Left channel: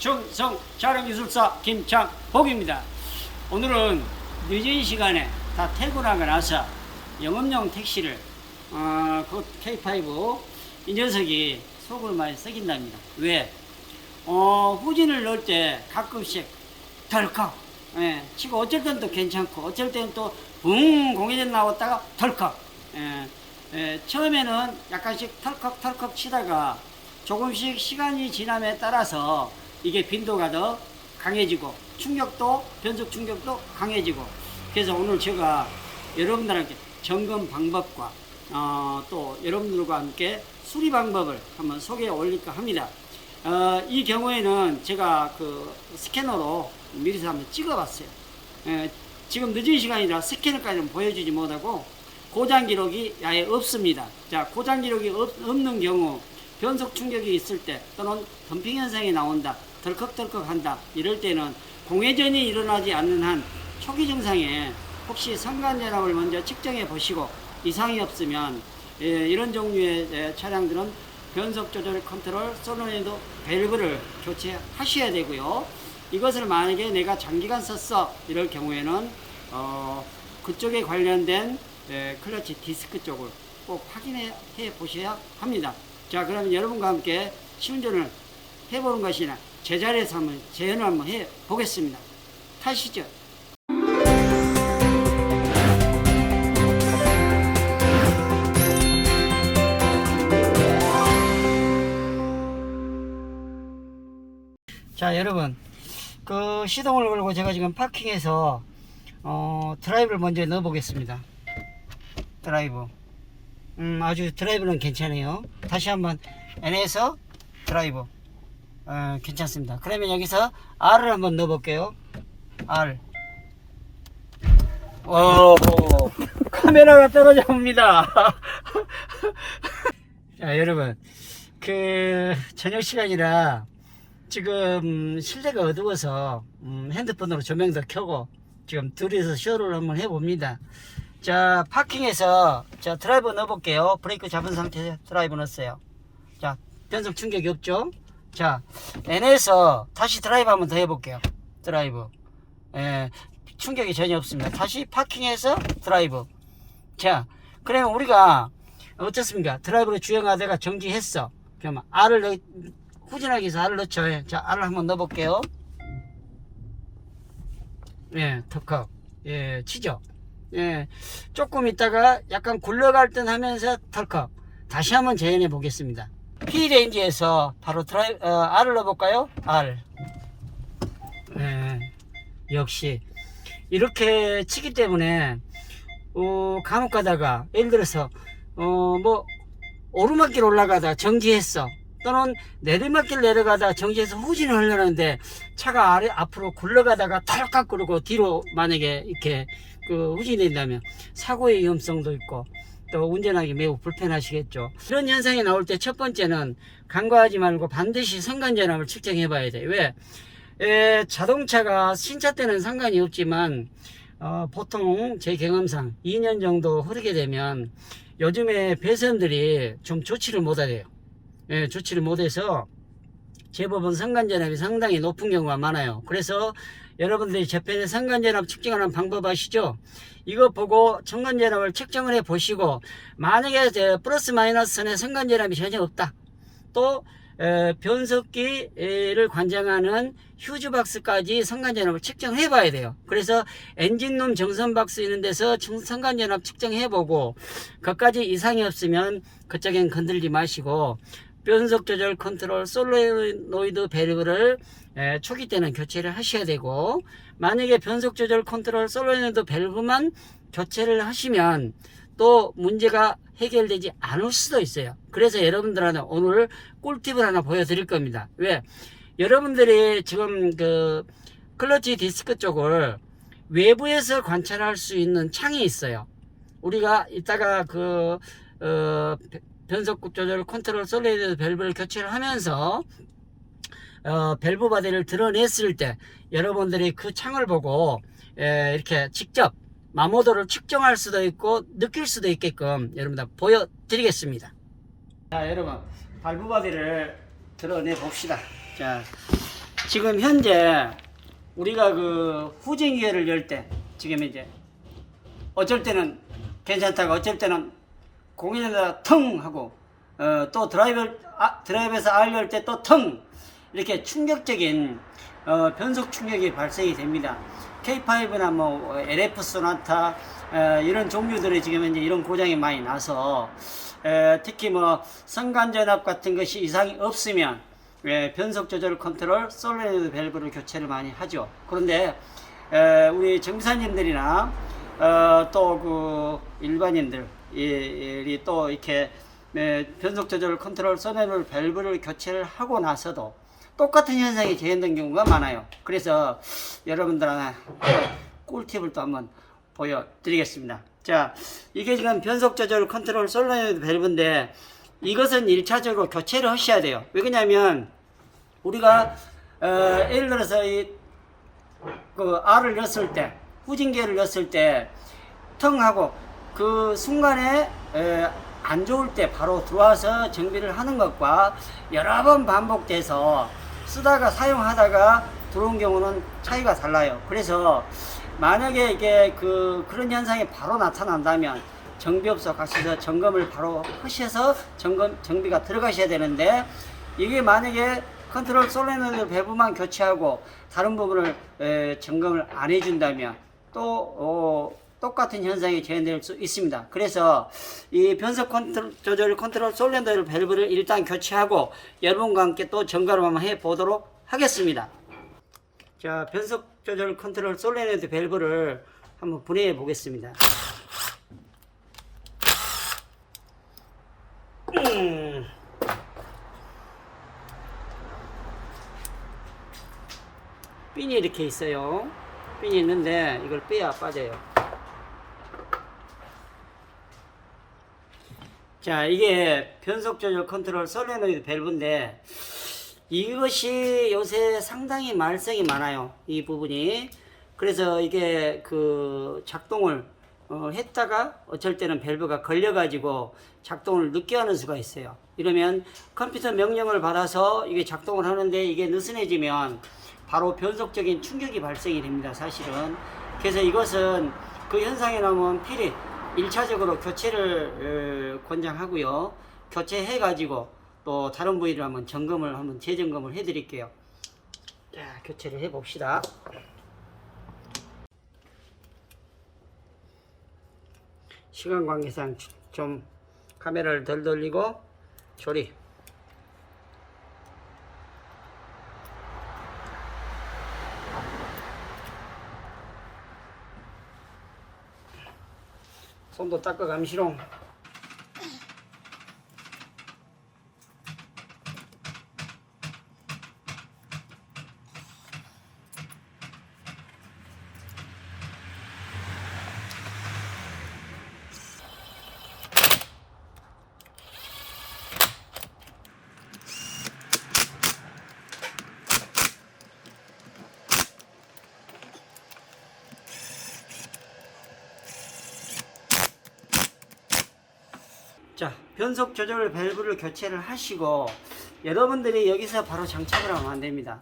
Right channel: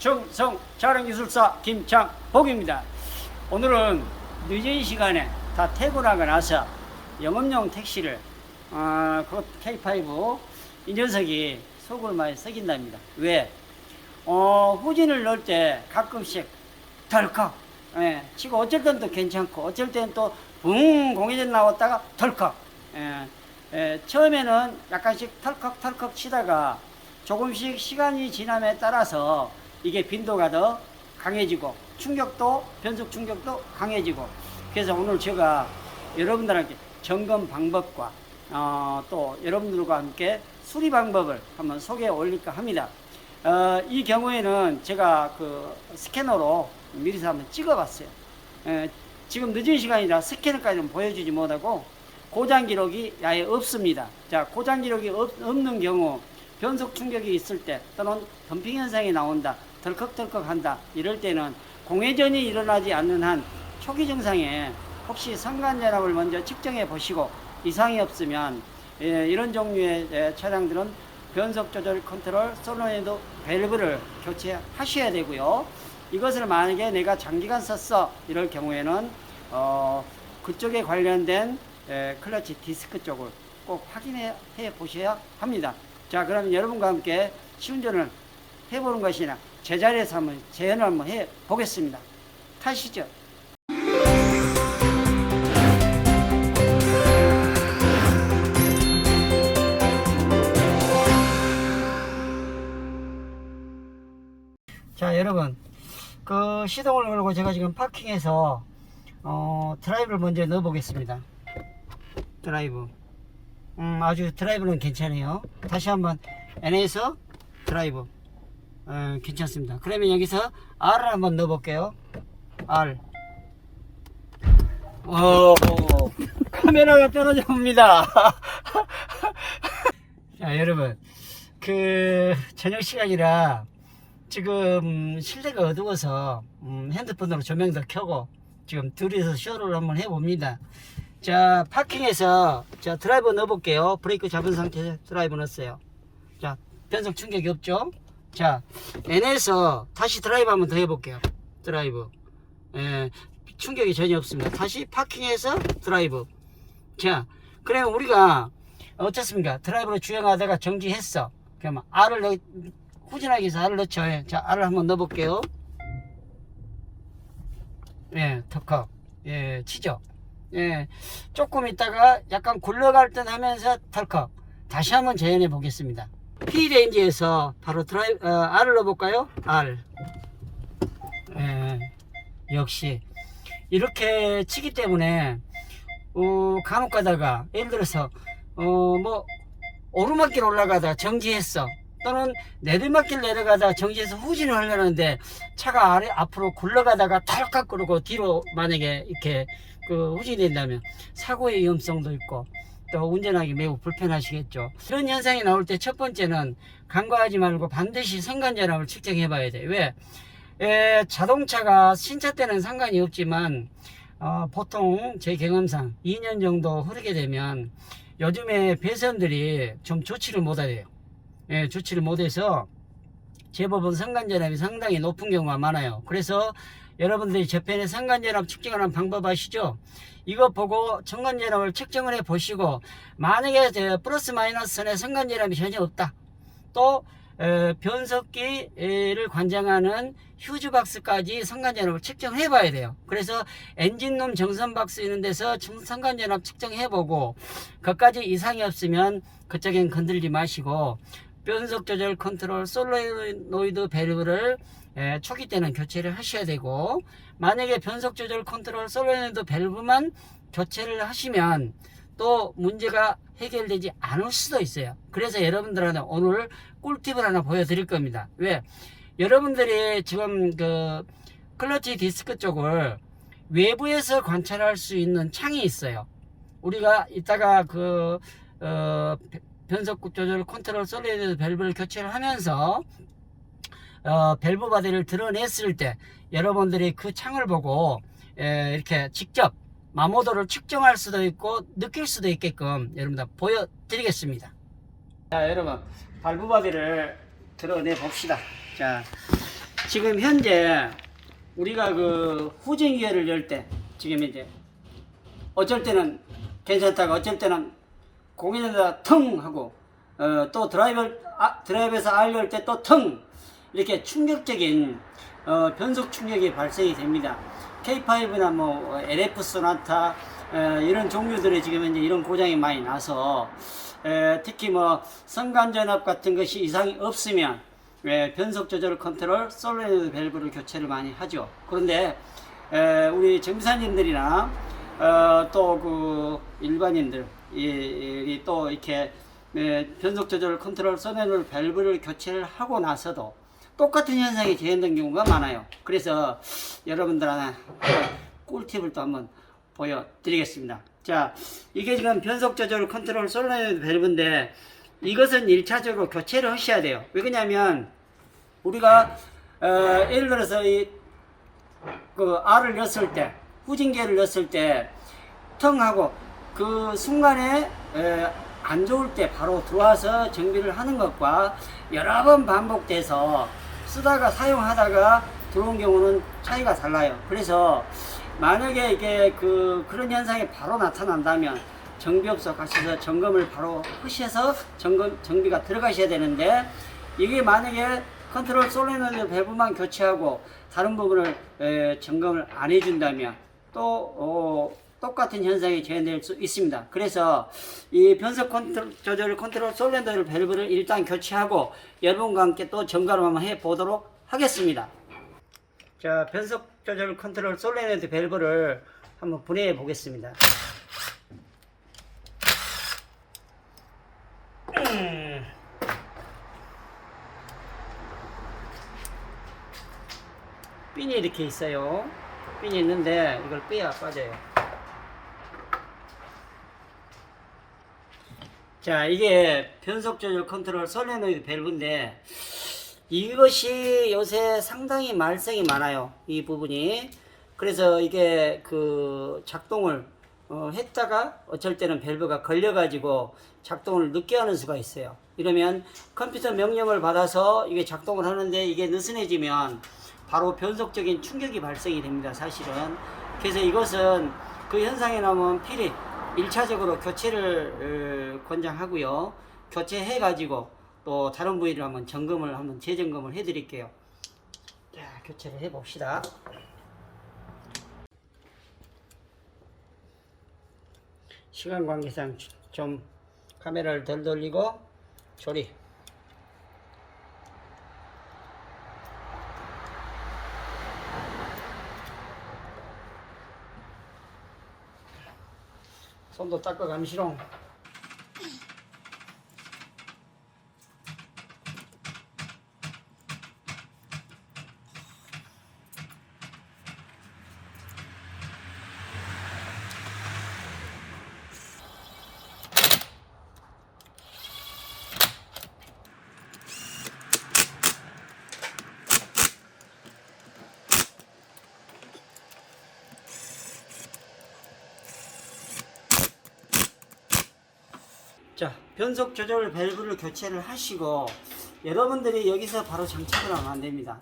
충성 자랑기술사 김창복입니다. 오늘은 늦은 시간에 다 퇴근하고 나서 영업용 택시를 그 K5 이 녀석이 속을 많이 썩인답니다. 왜? 후진을 넣을 때 가끔씩 덜컥 치고 어쩔 때는 또 괜찮고 어쩔 때는 또 붕 공회전 나왔다가 덜컥 처음에는 약간씩 털컥 치다가 조금씩 시간이 지남에 따라서 이게 빈도가 더 강해지고 충격도 변속 충격도 강해지고, 그래서 오늘 제가 여러분들한테 점검 방법과 또 여러분들과 함께 수리 방법을 한번 소개해 올릴까 합니다. 이 경우에는 제가 그 스캐너로 미리서 한번 찍어 봤어요. 지금 늦은 시간이라 스캐너까지는 보여주지 못하고 고장 기록이 아예 없습니다. 자, 고장 기록이 없는 경우 변속 충격이 있을 때 또는 덤핑 현상이 나온다, 덜컥덜컥 한다, 이럴 때는 공회전이 일어나지 않는 한 초기 증상에 혹시 선간전압을 먼저 측정해 보시고 이상이 없으면 이런 종류의 차량들은 변속 조절 컨트롤 솔노이드 밸브를 교체하셔야 되고요. 이것을 만약에 내가 장기간 썼어 이럴 경우에는 그쪽에 관련된 클러치 디스크 쪽을 꼭 확인해 보셔야 합니다. 자, 그러면 여러분과 함께 시운전을 해보는 것이나 제자리에서 한번 재연을 한번 해 보겠습니다. 타시죠. 자, 여러분, 그 시동을 걸고 제가 지금 파킹해서 드라이브를 먼저 넣어 보겠습니다. 드라이브. 아주 드라이브는 괜찮아요. 다시 한번 N에서 드라이브. 괜찮습니다. 그러면 여기서 R을 한번 넣어 볼게요. R. 카메라가 떨어져 옵니다. 자, 여러분, 그 저녁 시간이라 지금 실내가 어두워서 핸드폰으로 조명도 켜고 지금 둘이서 쇼를 한번 해봅니다. 자, 파킹에서 자 드라이브 넣어볼게요. 브레이크 잡은 상태에서 드라이브 넣었어요. 자, 변속 충격이 없죠. 자, N에서 다시 드라이브 한번 더 해볼게요. 드라이브. 충격이 전혀 없습니다. 다시 파킹에서 드라이브. 자, 그러면 우리가 어떻습니까? 드라이브로 주행하다가 정지했어. 그러면 R을 후진하기 위해서 R을 넣죠. 자, R을 한번 넣어볼게요. 턱턱. 치죠. 조금 있다가 약간 굴러갈 듯 하면서 덜컥 다시 한번 재현해 보겠습니다. P레인지에서 바로 R을 넣어볼까요? R. 역시 이렇게 치기 때문에 간혹 가다가 예를 들어서 뭐 오르막길 올라가다 정지했어, 또는 내리막길 내려가다 정지해서 후진을 하려는데 차가 앞으로 굴러가다가 털깍 그러고 뒤로 만약에 이렇게 그 후진이 된다면 사고의 위험성도 있고 또 운전하기 매우 불편하시겠죠. 이런 현상이 나올 때 첫 번째는 간과하지 말고 반드시 선간전압을 측정해 봐야 돼. 왜? 자동차가 신차 때는 상관이 없지만 보통 제 경험상 2년 정도 흐르게 되면 요즘에 배선들이 좀 조치를 못하대요. 조치를 못해서 제법은 선간전압이 상당히 높은 경우가 많아요. 그래서 여러분들이 저편에 선간전압 측정하는 방법 아시죠? 이거 보고 선간전압을 측정을 해 보시고 만약에 플러스 마이너스 선에 선간전압이 전혀 없다, 또 변속기를 관장하는 휴즈박스까지 선간전압을 측정해 봐야 돼요. 그래서 엔진룸 정선박스 있는 데서 선간전압 측정해 보고 그것까지 이상이 없으면 그쪽엔 건들지 마시고 변속 조절 컨트롤 솔노이드 밸브를 초기 때는 교체를 하셔야 되고, 만약에 변속 조절 컨트롤 솔노이드 밸브만 교체를 하시면 또 문제가 해결되지 않을 수도 있어요. 그래서 여러분들한테 오늘 꿀팁을 하나 보여드릴 겁니다. 왜? 여러분들이 지금 그 클러치 디스크 쪽을 외부에서 관찰할 수 있는 창이 있어요. 우리가 이따가 그 변속 조절 컨트롤 솔노이드 밸브를 교체를 하면서 밸브 바디를 드러냈을 때 여러분들이 그 창을 보고 이렇게 직접 마모도를 측정할 수도 있고 느낄 수도 있게끔 여러분들 보여드리겠습니다. 자, 여러분 밸브 바디를 드러내 봅시다. 자, 지금 현재 우리가 그 후진기어를 열 때 지금 이제 어쩔 때는 괜찮다가 어쩔 때는 공인에다 텅 하고 또 드라이브에서 R 열 때 또 텅 이렇게 충격적인 변속 충격이 발생이 됩니다. K5나 뭐 LF 소나타 이런 종류들이 지금 현재 이런 고장이 많이 나서 특히 뭐 성간전압 같은 것이 이상이 없으면 변속 조절 컨트롤 솔레노이드 밸브를 교체를 많이 하죠. 그런데 우리 정비사님들이나 또 그 일반인들이 또 이렇게 변속 조절 컨트롤 솔레노이드 밸브를 교체를 하고 나서도 똑같은 현상이 재현된 경우가 많아요. 그래서 여러분들한테 꿀팁을 또 한번 보여드리겠습니다. 자, 이게 지금 변속 조절 컨트롤 솔레노이드 밸브인데 이것은 1차적으로 교체를 하셔야 돼요. 왜 그러냐면 우리가 예를 들어서 그 R을 넣었을 때 후진기어를 넣었을 때 텅 하고 그 순간에 안 좋을 때 바로 들어와서 정비를 하는 것과 여러 번 반복돼서 쓰다가 사용하다가 들어온 경우는 차이가 달라요. 그래서 만약에 이게 그런 현상이 바로 나타난다면 정비업소 가셔서 점검을 바로 하셔서 정비가 들어가셔야 되는데 이게 만약에 컨트롤 솔레노이드 밸브만 교체하고 다른 부분을 점검을 안 해준다면 또 똑같은 현상이 재현될 수 있습니다. 그래서 이 변속 조절 컨트롤 솔레노이드 밸브를 일단 교체하고 여러분과 함께 또 점검을 한번 해 보도록 하겠습니다. 자, 변속 조절 컨트롤 솔레노이드 밸브를 한번 분해해 보겠습니다. 핀이 이렇게 있어요. 핀이 있는데 이걸 빼야 빠져요. 자, 이게 변속 조절 컨트롤 솔레노이드 밸브인데 이것이 요새 상당히 말썽이 많아요. 이 부분이. 그래서 이게 그 작동을 했다가 어쩔 때는 밸브가 걸려가지고 작동을 늦게 하는 수가 있어요. 이러면 컴퓨터 명령을 받아서 이게 작동을 하는데 이게 느슨해지면 바로 변속적인 충격이 발생이 됩니다. 사실은. 그래서 이것은 그 현상에 나오면 필히 1차적으로 교체를 권장하고요. 교체해 가지고 또 다른 부위를 한번 재점검을 해 드릴게요. 자, 교체를 해 봅시다. 시간 관계상 좀 카메라를 덜 돌리고 조리. 손도 닦아 감시롱. 자, 변속 조절 밸브를 교체를 하시고 여러분들이 여기서 바로 장착을 하면 안 됩니다.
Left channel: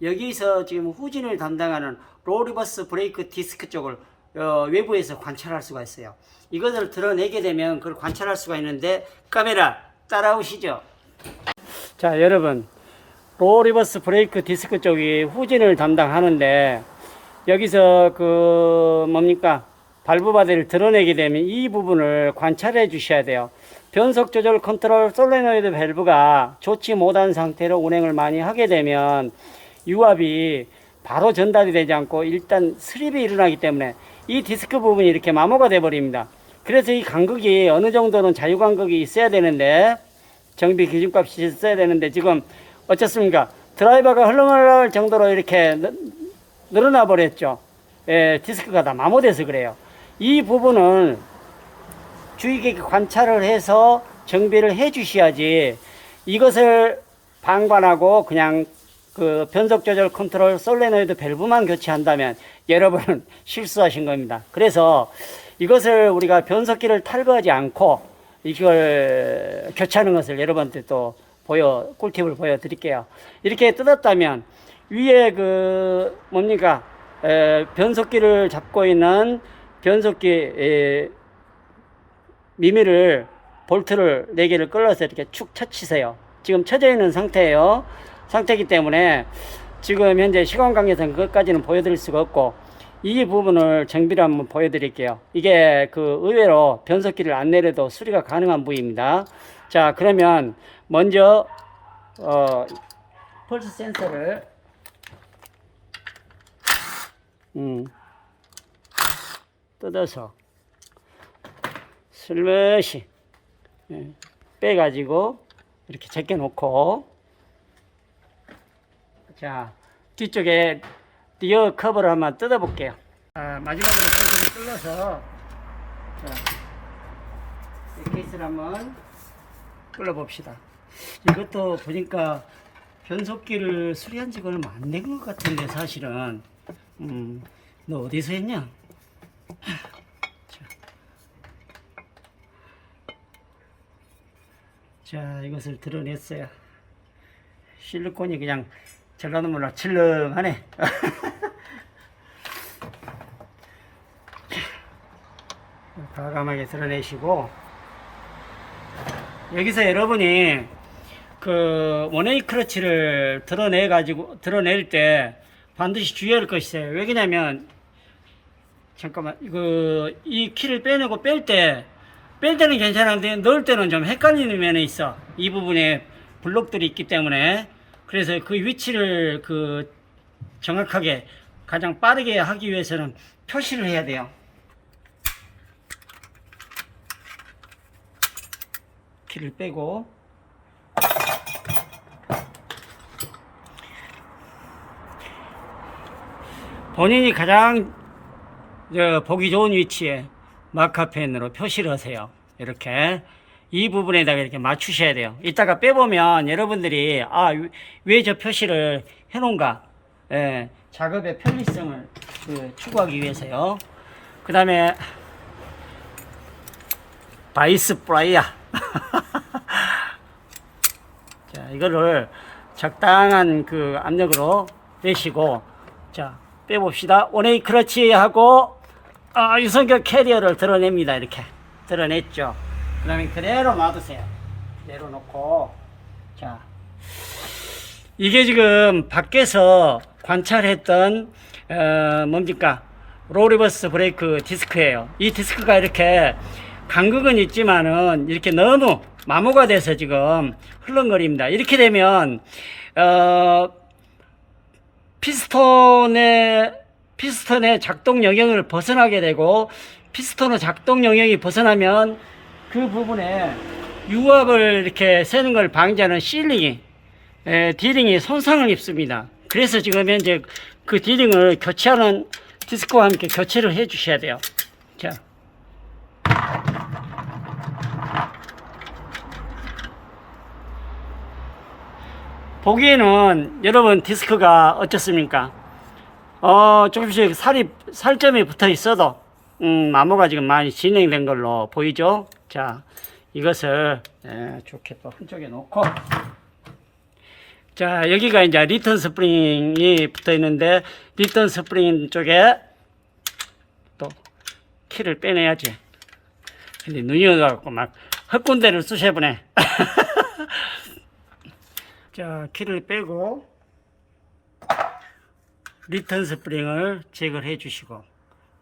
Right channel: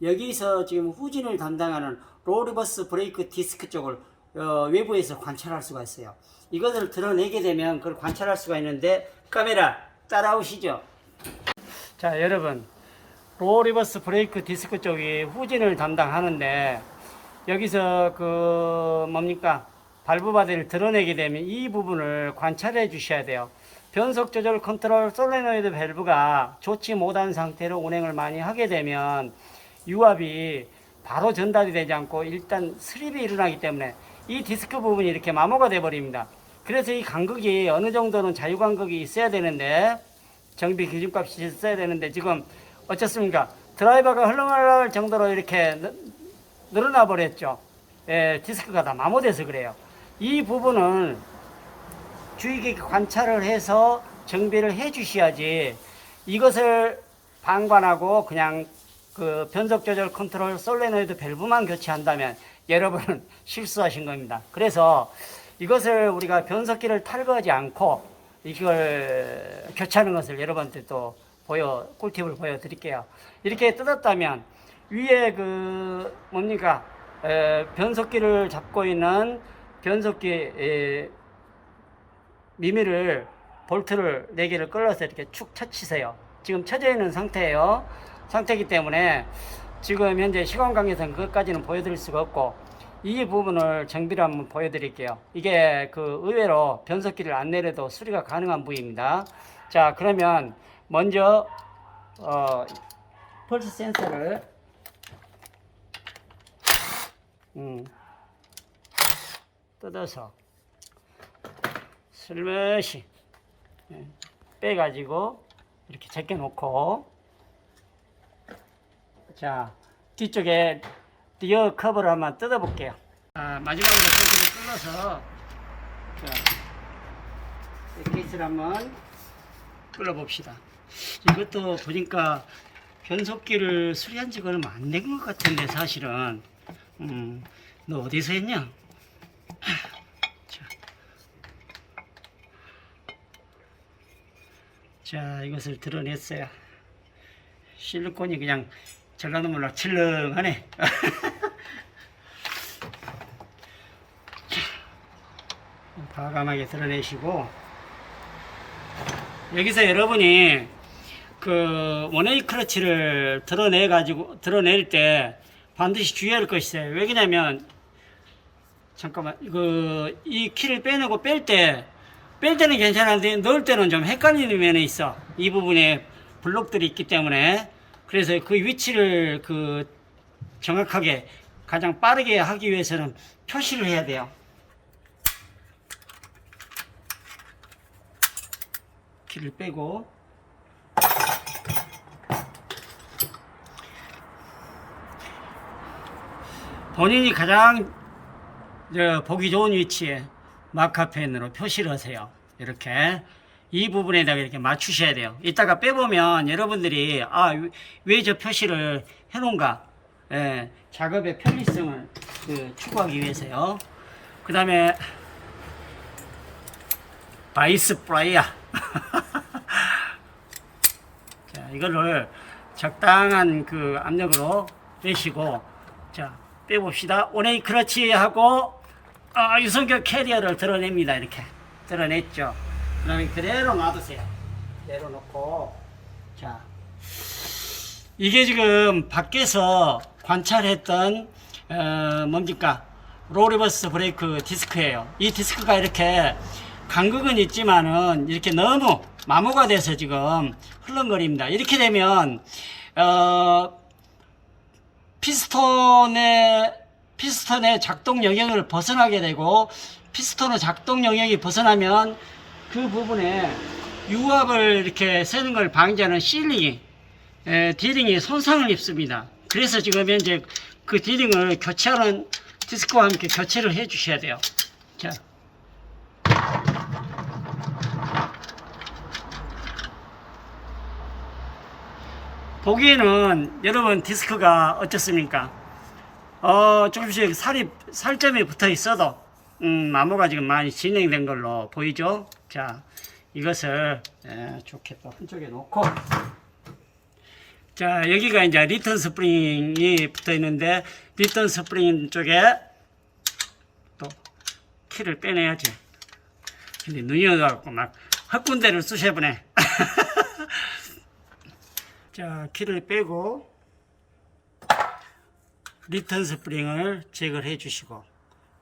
여기서 지금 후진을 담당하는 로 리버스 브레이크 디스크 쪽을 외부에서 관찰할 수가 있어요. 이것을 드러내게 되면 그걸 관찰할 수가 있는데 카메라 따라오시죠. 자, 여러분, 로 리버스 브레이크 디스크 쪽이 후진을 담당하는데 여기서 발브 바디를 드러내게 되면 이 부분을 관찰해 주셔야 돼요. 변속 조절 컨트롤 솔레노이드 밸브가 좋지 못한 상태로 운행을 많이 하게 되면 유압이 바로 전달이 되지 않고 일단 스립이 일어나기 때문에 이 디스크 부분이 이렇게 마모가 돼 버립니다. 그래서 이 간극이 어느 정도는 자유 간극이 있어야 되는데 정비 기준값이 있어야 되는데 지금 어떻습니까? 드라이버가 흘러갈 정도로 이렇게 늘어나 버렸죠. 디스크가 다 마모돼서 그래요. 이 부분을 주의 깊게 관찰을 해서 정비를 해 주셔야지 이것을 방관하고 그냥 그 변속 조절 컨트롤 솔레노이드 밸브만 교체한다면 여러분은 실수하신 겁니다. 그래서 이것을 우리가 변속기를 탈거하지 않고 이걸 교체하는 것을 여러분한테 또 꿀팁을 보여드릴게요. 이렇게 뜯었다면 위에 그 뭡니까 변속기를 잡고 있는 변속기 미미를 볼트를 4개를 끌어서 이렇게 축 쳐치세요. 지금 쳐져 있는 상태이기 때문에 지금 현재 시간 관계상 그것까지는 보여드릴 수가 없고, 이 부분을 정비를 한번 보여드릴게요. 이게 그 의외로 변속기를 안 내려도 수리가 가능한 부위입니다. 자, 그러면 먼저 펄스 센서를 뜯어서 슬며시 빼가지고 이렇게 제껴 놓고, 자, 뒤쪽에 리어 커버를 한번 뜯어 볼게요. 마지막으로 펄스를 뚫어서, 자, 이 케이스를 한번 뚫어 봅시다. 이것도 보니까 변속기를 수리한 지가 얼마 안 된 것 같은데, 사실은. 너 어디서 했냐? 자, 이것을 드러냈어요. 실리콘이 그냥 전라도 몰라 칠렁하네. 과감하게 드러내시고, 여기서 여러분이 그 원웨이 크러치를 드러낼 때 반드시 주의할 것이 있어요. 왜냐면, 잠깐만, 이 키를 빼내고 뺄 때는 괜찮은데 넣을 때는 좀 헷갈리는 면이 있어. 이 부분에 블록들이 있기 때문에. 그래서 그 위치를 정확하게 가장 빠르게 하기 위해서는 표시를 해야 돼요. 키를 빼고, 본인이 가장 보기 좋은 위치에 마카펜으로 표시를 하세요. 이렇게 이 부분에다가 이렇게 맞추셔야 돼요. 이따가 빼보면 여러분들이 왜 저 표시를 해놓은가, 작업의 편리성을 추구하기 위해서요. 그 다음에 바이스 프라이어. 자, 이거를 적당한 압력으로 빼시고, 자, 빼봅시다. 원웨이 크러치 하고 유선격 캐리어를 드러냅니다. 이렇게 드러냈죠. 그 다음에 그대로 놔두세요. 내려놓고, 자, 이게 지금 밖에서 관찰했던 뭡니까 롤리버스 브레이크 디스크예요. 이 디스크가 이렇게 간극은 있지만은 이렇게 너무 마모가 돼서 지금 흘렁거립니다. 이렇게 되면 피스톤의 작동 영역을 벗어나게 되고, 피스톤의 작동 영역이 벗어나면 그 부분에 유압을 이렇게 새는 걸 방지하는 디링이 손상을 입습니다. 그래서 지금 현재 그 디링을 교체하는 디스크와 함께 교체를 해 주셔야 돼요. 자, 보기에는 여러분 디스크가 어떻습니까? 조금씩 살점이 붙어 있어도 마모가 지금 많이 진행된 걸로 보이죠? 자, 이것을 좋게 또 한쪽에 놓고, 자, 여기가 이제 리턴 스프링이 붙어 있는데, 리턴 스프링 쪽에 또 키를 빼내야지. 근데 눈이 어두워갖고 막 헛군데를 쑤셔보네. 자, 키를 빼고 리턴 스프링을 제거를 해 주시고,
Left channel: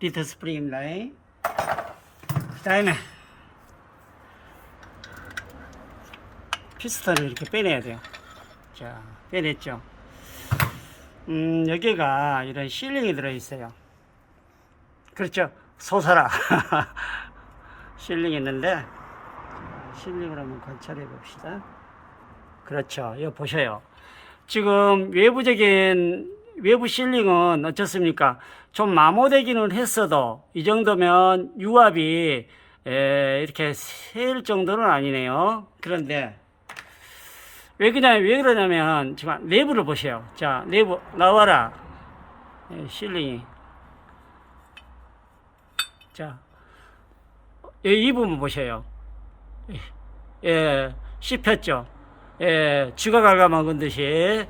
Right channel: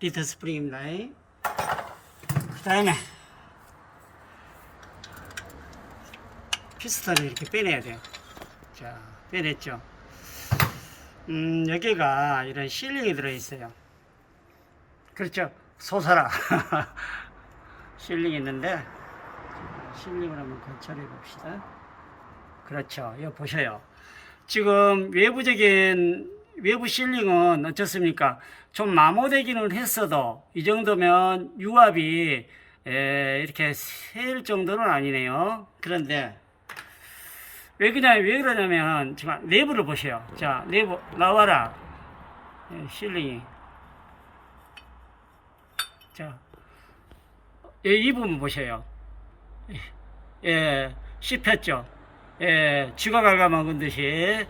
리턴 스프링입니다. 그 다음에 피스톤을 이렇게 빼내야 돼요. 자, 빼냈죠. 여기가 이런 실링이 들어있어요. 그렇죠. 솟아라. 실링이 있는데, 실링을 한번 관찰해 봅시다. 그렇죠. 이거 보셔요. 지금 외부 실링은 어떻습니까? 좀 마모되기는 했어도 이 정도면 유압이 이렇게 셀 정도는 아니네요. 그런데 왜 그러냐면 지금 내부를 보세요. 자, 내부 나와라. 실링이. 자, 이 부분 보세요. 씹혔죠. 쥐가 갉아먹은 듯이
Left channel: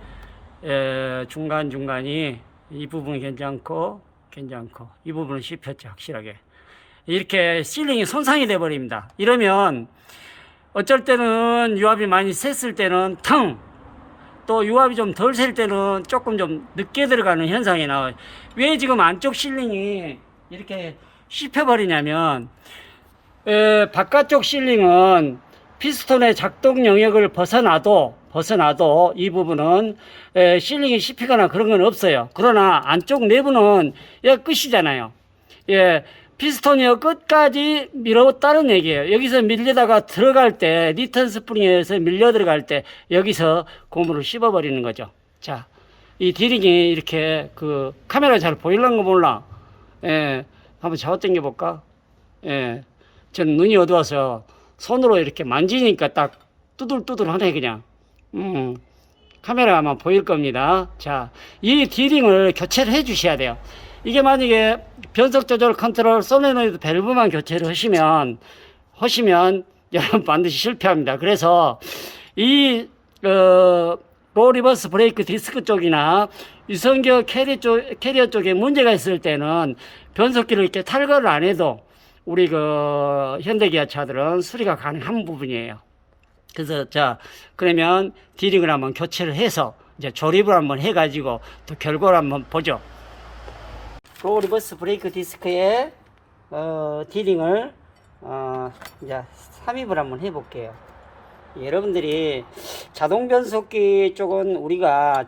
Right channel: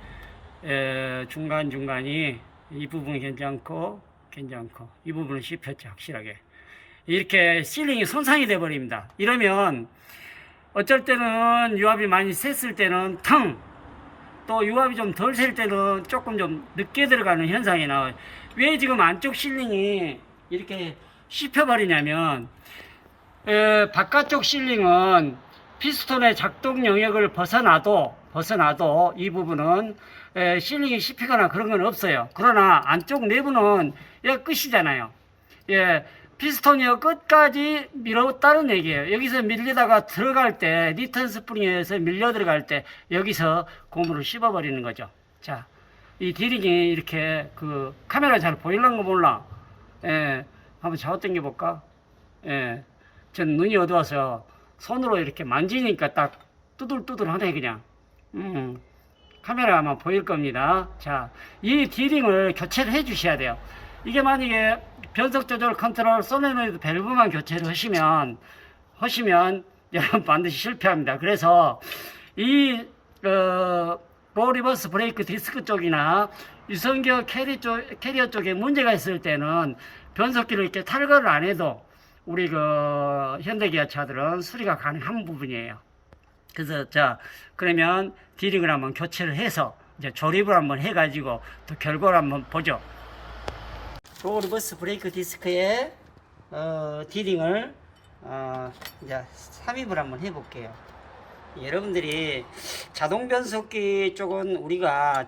중간중간이 이 부분 괜찮고 이 부분은 씹혔죠. 확실하게 이렇게 실링이 손상이 돼 버립니다. 이러면 어쩔 때는 유압이 많이 셌을 때는 텅, 또 유압이 좀 덜 셀 때는 조금 좀 늦게 들어가는 현상이 나와요. 왜 지금 안쪽 실링이 이렇게 씹혀버리냐면 바깥쪽 실링은 피스톤의 작동 영역을 벗어나도 이 부분은 실링이 씹히거나 그런 건 없어요. 그러나 안쪽 내부는 얘가 끝이잖아요. 예, 피스톤이 끝까지 밀었다는 얘기예요. 여기서 밀려다가 들어갈 때, 니턴 스프링에서 밀려 들어갈 때 여기서 고무를 씹어버리는 거죠. 자, 이 디링이 이렇게 카메라 잘 보이려는 거 몰라. 예, 한번 잡아 당겨 볼까? 예, 전 눈이 어두워서 손으로 이렇게 만지니까 딱 뚜들뚜들하네 그냥. 카메라 아마 보일 겁니다. 자, 이 디링을 교체를 해 주셔야 돼요. 이게 만약에 변속 조절 컨트롤 솔레노이드 밸브만 교체를 하시면 여러분 반드시 실패합니다. 그래서 이 로 리버스 브레이크 디스크 쪽이나 유선기어 캐리어 쪽에 문제가 있을 때는 변속기를 이렇게 탈거를 안 해도 우리 현대기아차들은 수리가 가능한 부분이에요. 그래서 그러면 디링을 한번 교체를 해서 이제 조립을 한번 해가지고 또 결과를 한번 보죠. 로 리버스 브레이크 디스크에 디링을 이제 삽입을 한번 해볼게요. 여러분들이 자동 변속기 쪽은 우리가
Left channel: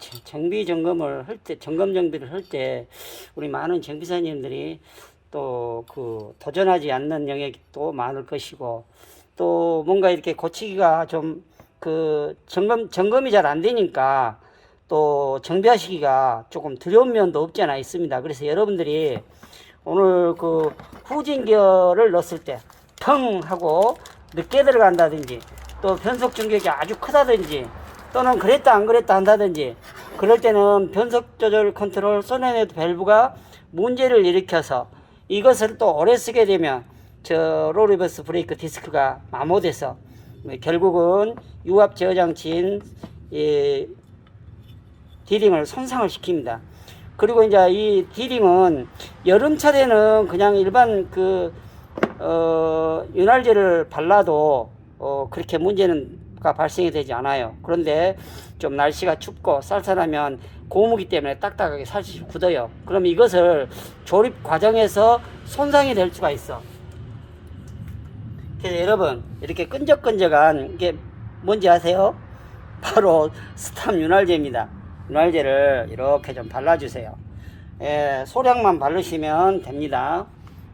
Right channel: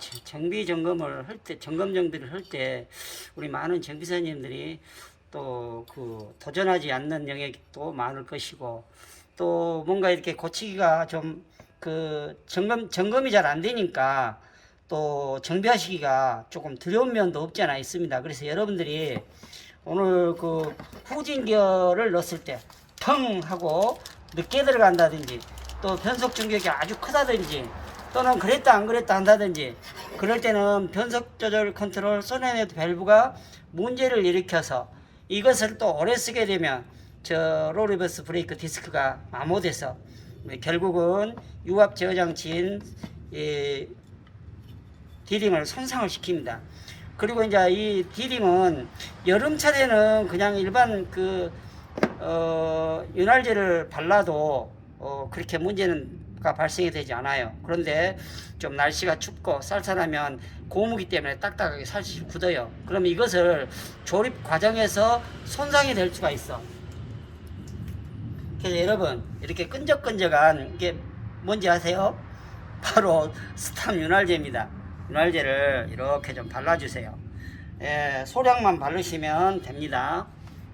점검 정비를 할 때 우리 많은 정비사님들이 또 도전하지 않는 영역이 또 많을 것이고, 또 뭔가 이렇게 고치기가 좀 점검이 잘 안 되니까 또 정비하시기가 조금 두려운 면도 없지 않아 있습니다. 그래서 여러분들이 오늘 후진기어를 넣었을 때 텅 하고 늦게 들어간다든지, 또 변속 충격이 아주 크다든지, 또는 그랬다 안 그랬다 한다든지, 그럴 때는 변속 조절 컨트롤 솔레노이드 밸브가 문제를 일으켜서 이것을 또 오래 쓰게 되면 로 리버스 브레이크 디스크가 마모돼서 결국은 유압 제어 장치인 디링을 손상을 시킵니다. 그리고 이제 이 디링은 여름철에는 그냥 일반 윤활제를 발라도 그렇게 문제가 발생이 되지 않아요. 그런데 좀 날씨가 춥고 쌀쌀하면 고무기 때문에 딱딱하게 살짝 굳어요. 그럼 이것을 조립 과정에서 손상이 될 수가 있어. 그래서 여러분, 이렇게 끈적끈적한 이게 뭔지 아세요? 바로 스탑 윤활제입니다. 윤활제를 이렇게 좀 발라주세요. 소량만 바르시면 됩니다.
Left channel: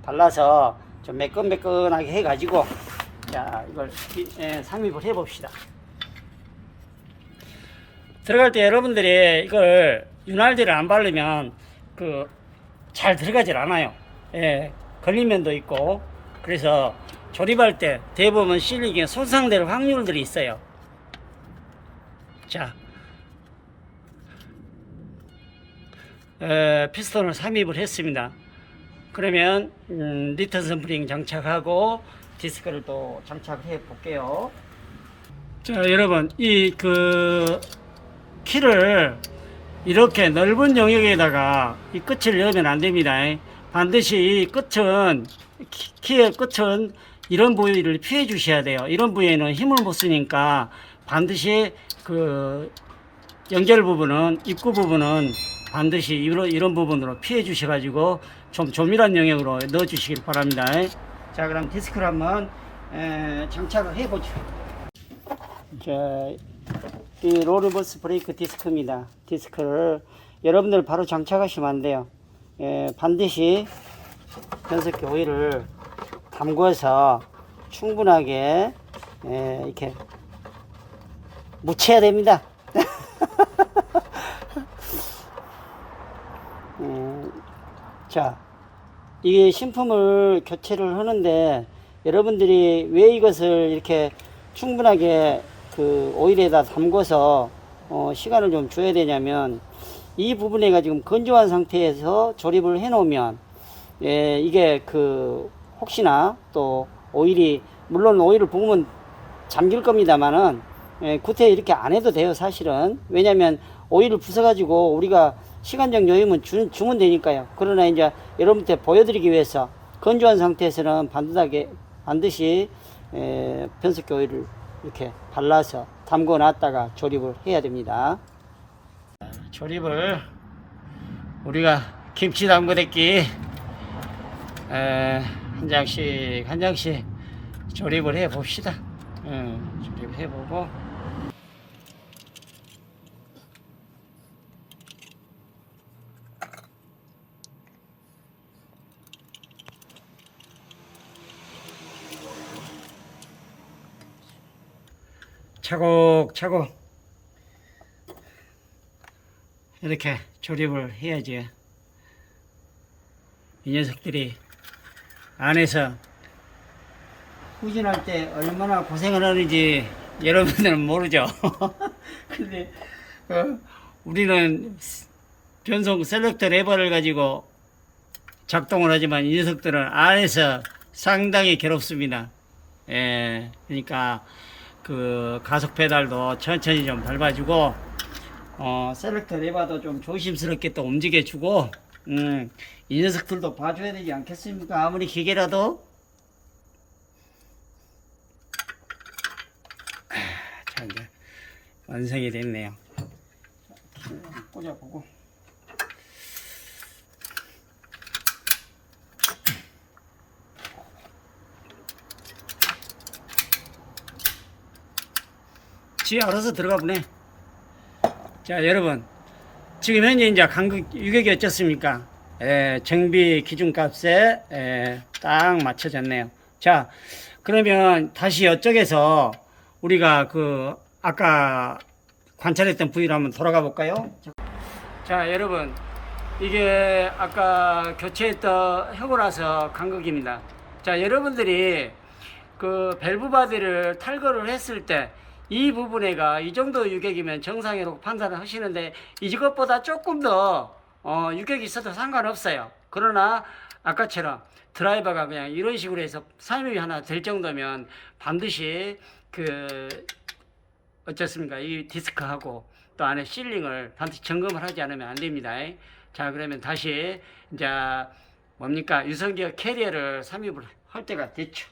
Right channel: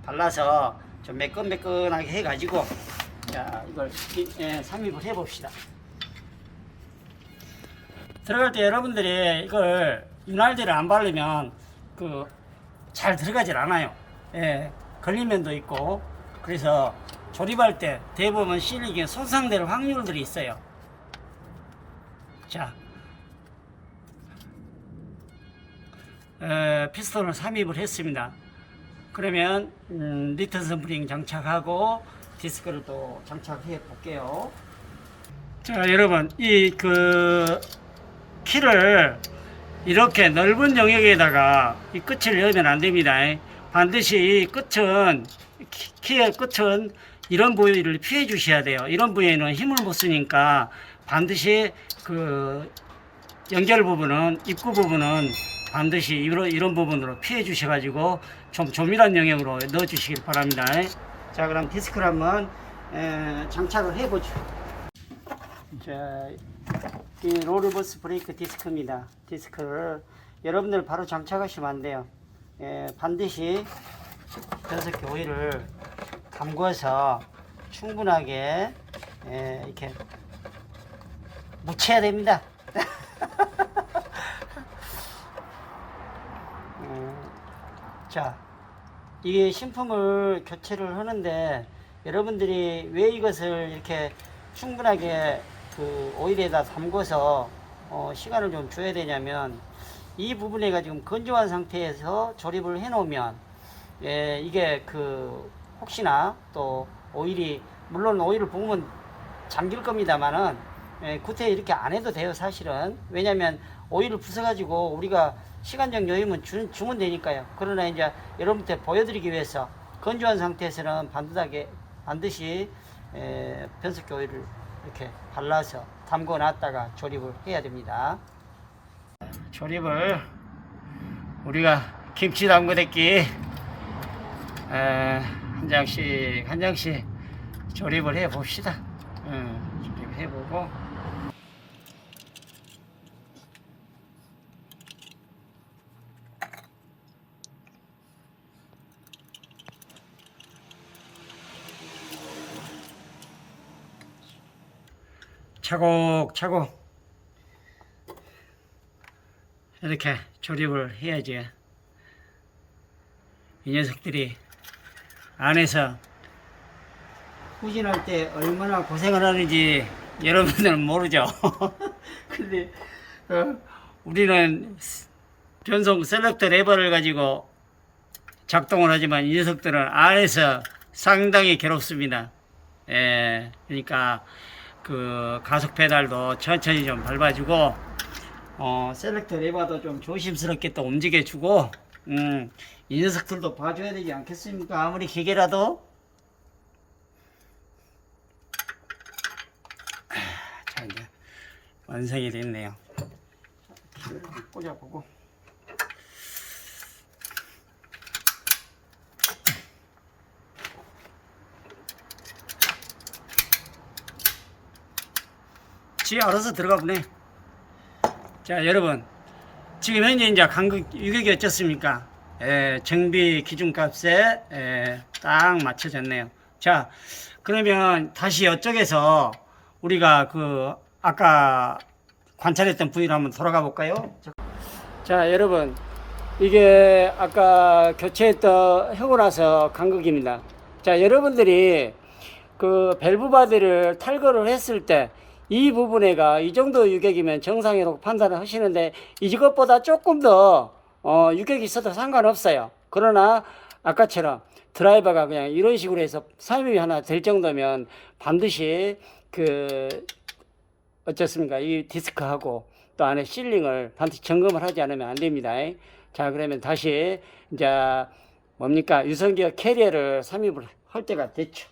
발라서 좀 매끈매끈하게 해가지고, 자, 이걸 삽입을 해봅시다. 들어갈 때 여러분들이 이걸 윤활제를 안 바르면 잘 들어가질 않아요. 걸린 면도 있고. 그래서 조립할 때 대부분 실링이 손상될 확률들이 있어요. 자, 피스톤을 삽입을 했습니다. 그러면 니턴 스프링 장착하고 디스크를 또 장착을 해 볼게요. 자, 여러분, 이 키를 이렇게 넓은 영역에다가 이 끝을 넣으면 안 됩니다. 반드시 이 끝은, 키의 끝은 이런 부위를 피해 주셔야 돼요. 이런 부위에는 힘을 못 쓰니까 반드시 연결 부분은, 입구 부분은 반드시 이런 부분으로 피해 주셔가지고 좀 조밀한 영역으로 넣어 주시길 바랍니다. 자, 그럼 디스크를 한번 장착을 해보죠. 자, 이 로 리버스 브레이크 디스크입니다. 디스크를 여러분들 바로 장착하시면 안 돼요. 반드시 변속기 오일을 담궈서 충분하게 이렇게 묻혀야 됩니다. 자, 이 신품을 교체를 하는데 여러분들이 왜 이것을 이렇게 충분하게 오일에다 담궈서 시간을 좀 줘야 되냐면, 이 부분에가 지금 건조한 상태에서 조립을 해 놓으면 이게 혹시나 또 오일이, 물론 오일을 부으면 잠길 겁니다만은 구태 이렇게 안 해도 돼요. 사실은. 왜냐면 오일을 부숴가지고 우리가 시간적 여유면 주면 되니까요. 그러나 이제 여러분한테 보여드리기 위해서 건조한 상태에서는 반드시 변속기 오일을 이렇게 발라서 담궈 놨다가 조립을 해야 됩니다. 조립을 우리가 김치 담그대기 한 장씩 조립을 해 봅시다. 조립해 보고 차곡차곡 이렇게 조립을 해야지 이 녀석들이 안에서 후진할 때 얼마나 고생을 하는지 여러분들은 모르죠. 근데 우리는 변속 셀렉터 레버를 가지고 작동을 하지만 이 녀석들은 안에서 상당히 괴롭습니다. 그러니까 그 가속 페달도 천천히 좀 밟아주고 셀렉터 레버도 좀 조심스럽게 또 움직여주고 이 녀석들도 봐줘야 되지 않겠습니까? 아무리 기계라도. 자, 이제 완성이 됐네요. 꽂아보고. 지 알아서 들어가 보네. 자, 여러분, 지금 현재 이제 간극 유격이 어떻습니까? 정비 기준값에 딱 맞춰졌네요. 자, 그러면 다시 이쪽에서 우리가 그 아까 관찰했던 부위로 한번 돌아가 볼까요? 자, 여러분, 이게 아까 교체했던 하고 나서 간극입니다. 자, 여러분들이 그 밸브 바디를 탈거를 했을 때 이 부분에가 이 정도 유격이면 정상이라고 판단을 하시는데 이것보다 조금 더 유격이 있어도 상관없어요. 그러나 아까처럼 드라이버가 그냥 이런 식으로 해서 삽입이 하나 될 정도면 반드시 어쩌습니까? 이 디스크하고 또 안에 실링을 반드시 점검을 하지 않으면 안 됩니다. 자, 그러면 다시 이제 뭡니까? 유선기어 캐리어를 삽입을 할 때가 됐죠.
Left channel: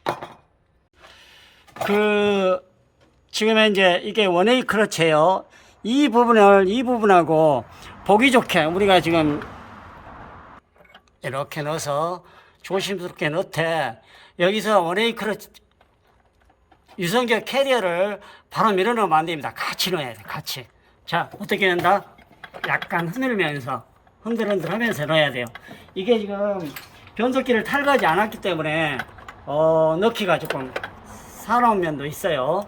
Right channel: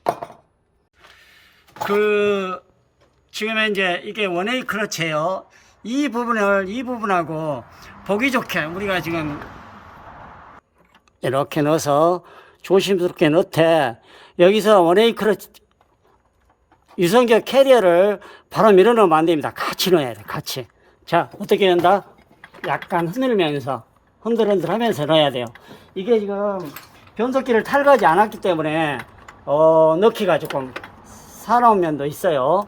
지금 이제 이게 원웨이 클러치예요. 이 부분하고 보기 좋게 우리가 지금 이렇게 넣어서 조심스럽게 넣되 여기서 원웨이 클러치 유선기어 캐리어를 바로 밀어넣으면 안 됩니다. 같이 넣어야 돼, 같이. 자, 어떻게 된다? 약간 흔들면서 흔들흔들 하면서 넣어야 돼요. 이게 지금 변속기를 탈거하지 않았기 때문에 넣기가 조금 사나운 면도 있어요.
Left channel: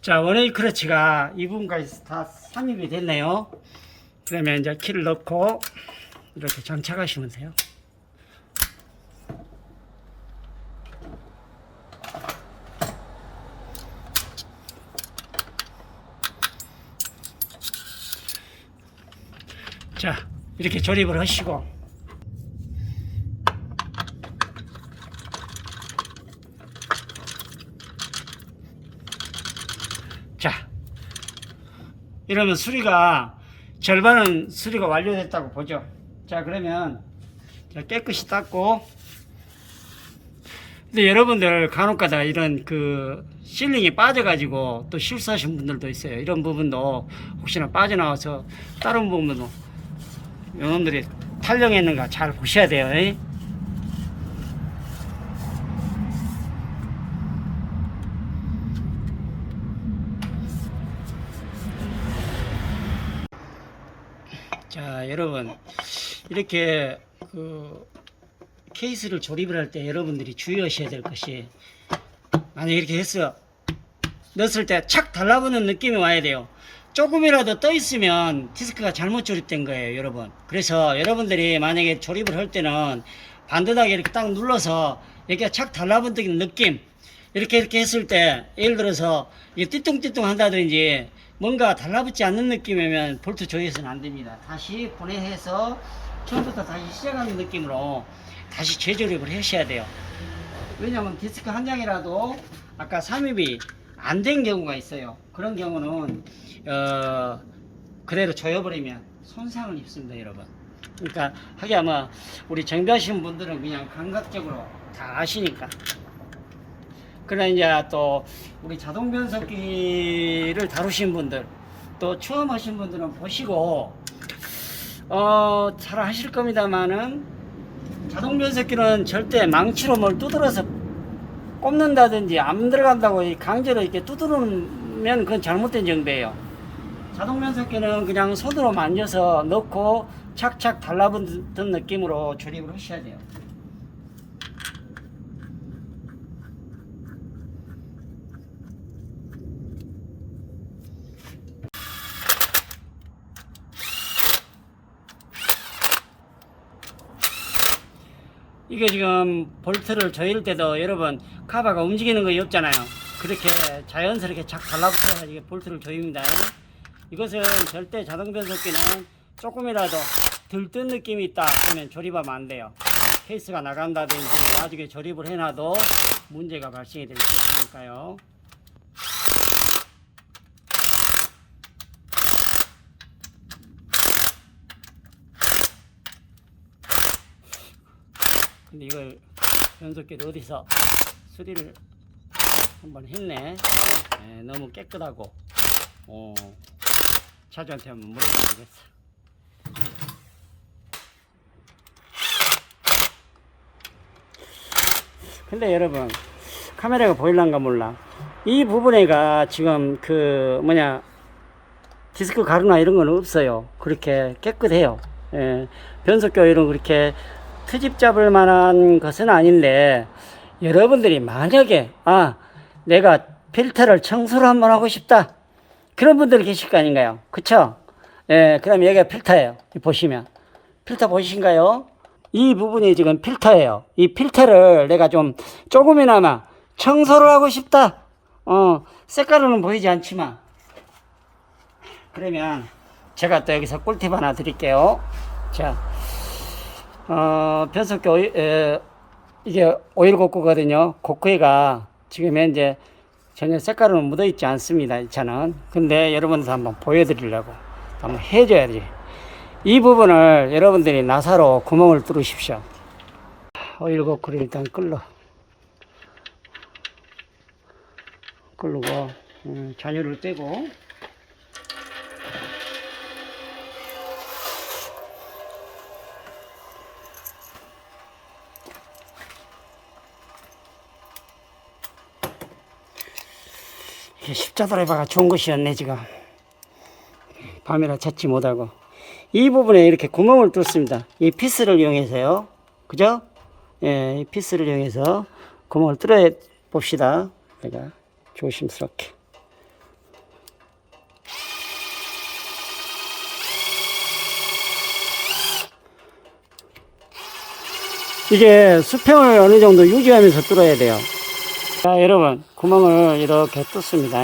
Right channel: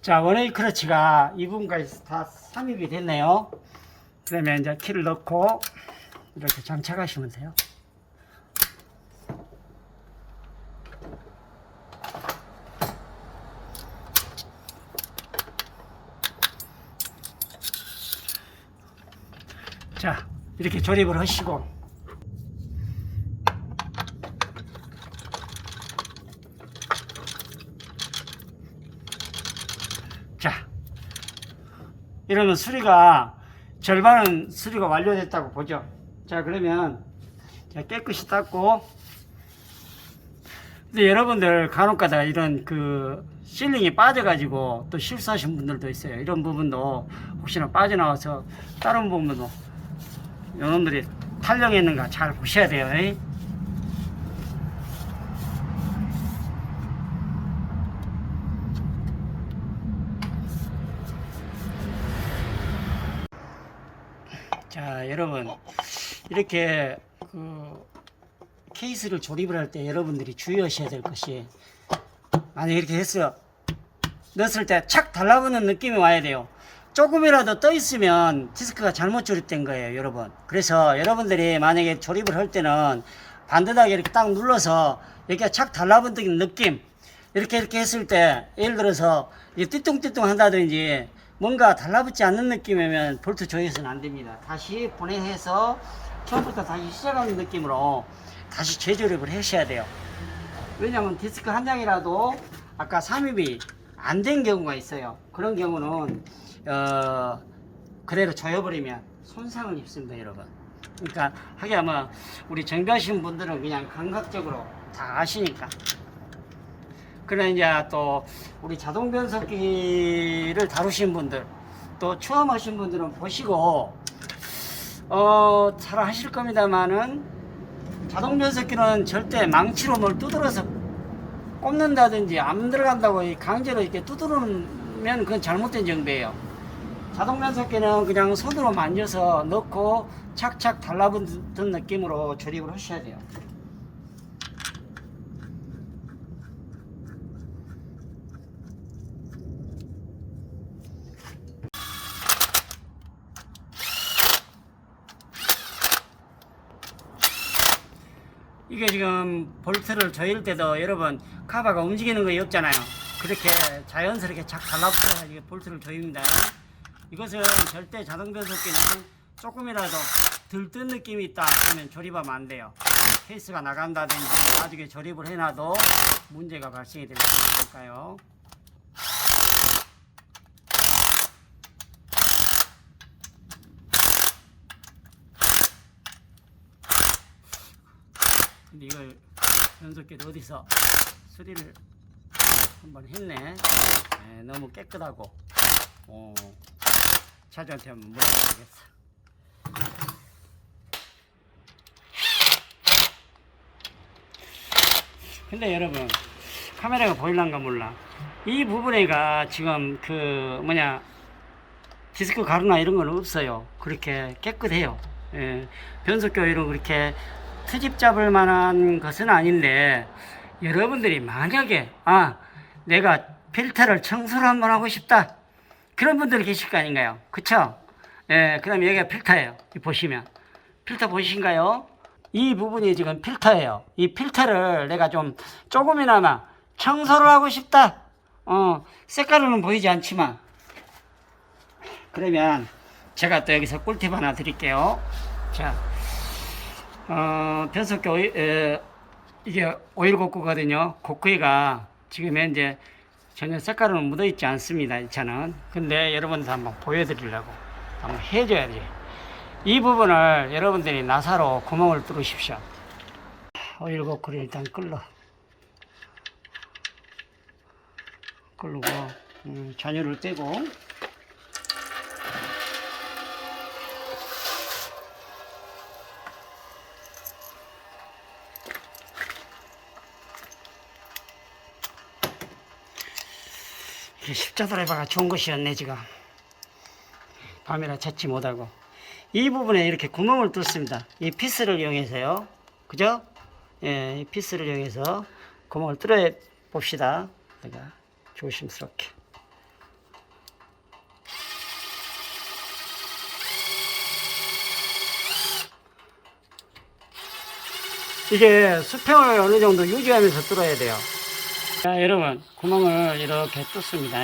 자, 원웨이 클러치가 이 부분까지 다 삽입이 됐네요. 그러면 이제 키를 넣고 이렇게 장착하시면 돼요. 자, 이렇게 조립을 하시고 자, 이러면 수리가 절반은 수리가 완료됐다고 보죠. 자, 그러면 깨끗이 닦고. 근데 여러분들 간혹가다 이런 실링이 빠져가지고 또 실수하신 분들도 있어요. 이런 부분도 혹시나 빠져나와서 다른 부분도 여러분들이 탈령했는가 잘 보셔야 돼요. 자, 여러분, 이렇게 케이스를 조립을 할 때 여러분들이 주의하셔야 될 것이, 만약에 이렇게 해서 넣었을 때 착 달라붙는 느낌이 와야 돼요. 조금이라도 떠 있으면 디스크가 잘못 조립된 거예요, 여러분. 그래서 여러분들이 만약에 조립을 할 때는 반듯하게 이렇게 딱 눌러서 이렇게 착 달라붙는 느낌, 이렇게 했을 때, 예를 들어서 이게 띠뚱띠뚱 한다든지 뭔가 달라붙지 않는 느낌이면 볼트 조여서는 안 됩니다. 다시 분해해서 처음부터 다시 시작하는 느낌으로 다시 재조립을 하셔야 돼요. 왜냐하면 디스크 한 장이라도 아까 삽입이 안 된 경우가 있어요. 그런 경우는 그대로 조여버리면 손상을 입습니다, 여러분. 그러니까 하게 하면 우리 정비하시는 분들은 그냥 감각적으로 다 아시니까. 그러나 이제 또 우리 자동 변속기를 다루신 분들, 또 처음 하신 분들은 보시고 잘 하실 겁니다만은, 자동 변속기는 절대 망치로 뭘 두드려서 꼽는다든지 안 들어간다고 강제로 이렇게 두드리면 그건 잘못된 정비예요. 자동 변속기는 그냥 손으로 만져서 넣고 착착 달라붙는 느낌으로 조립을 하셔야 돼요. 이게 지금 볼트를 조일 때도 여러분 카바가 움직이는 거 없잖아요. 그렇게 자연스럽게 착 달라붙어서 이게 볼트를 조입니다. 이것은 절대 자동 변속기는 조금이라도 들뜬 느낌이 있다 그러면 조립하면 안 돼요. 케이스가 나간다든지 나중에 조립을 해놔도 문제가 발생이 될 수 있으니까요. 근데 이걸 변속기를 어디서 수리를 한번 했네. 너무 깨끗하고 차주한테 한번 물어봐야 되겠어. 근데 여러분 카메라가 보일란가 몰라. 이 부분에가 지금 그 디스크 가루나 이런 건 없어요. 그렇게 깨끗해요. 변속기 오일은 그렇게 트집 잡을 만한 것은 아닌데, 여러분들이 만약에 내가 필터를 청소를 한번 하고 싶다 그런 분들이 계실 거 아닌가요? 그쵸? 그럼 여기가 필터예요. 보시면 필터 보이신가요? 이 부분이 지금 필터예요. 이 필터를 내가 좀 조금이나마 청소를 하고 싶다. 색깔로는 보이지 않지만, 그러면 제가 또 여기서 꿀팁 하나 드릴게요. 자, 변속기 이게 오일 고크거든요. 고크가 지금 현재 전혀 색깔은 묻어 있지 않습니다, 이 차는. 근데 여러분들 한번 보여드리려고 한번 해줘야지. 이 부분을 여러분들이 나사로 구멍을 뚫으십시오. 오일 고크를 일단 끄르고 잔유를 떼고, 십자드라이버가 좋은 것이었네. 지금 밤이라 찾지 못하고 이 부분에 이렇게 구멍을 뚫습니다. 이 피스를 이용해서요. 그죠? 이 피스를 이용해서 구멍을 뚫어 봅시다. 내가 조심스럽게. 이게 수평을 어느 정도 유지하면서 뚫어야 돼요. 자, 여러분, 구멍을 이렇게 뚫습니다.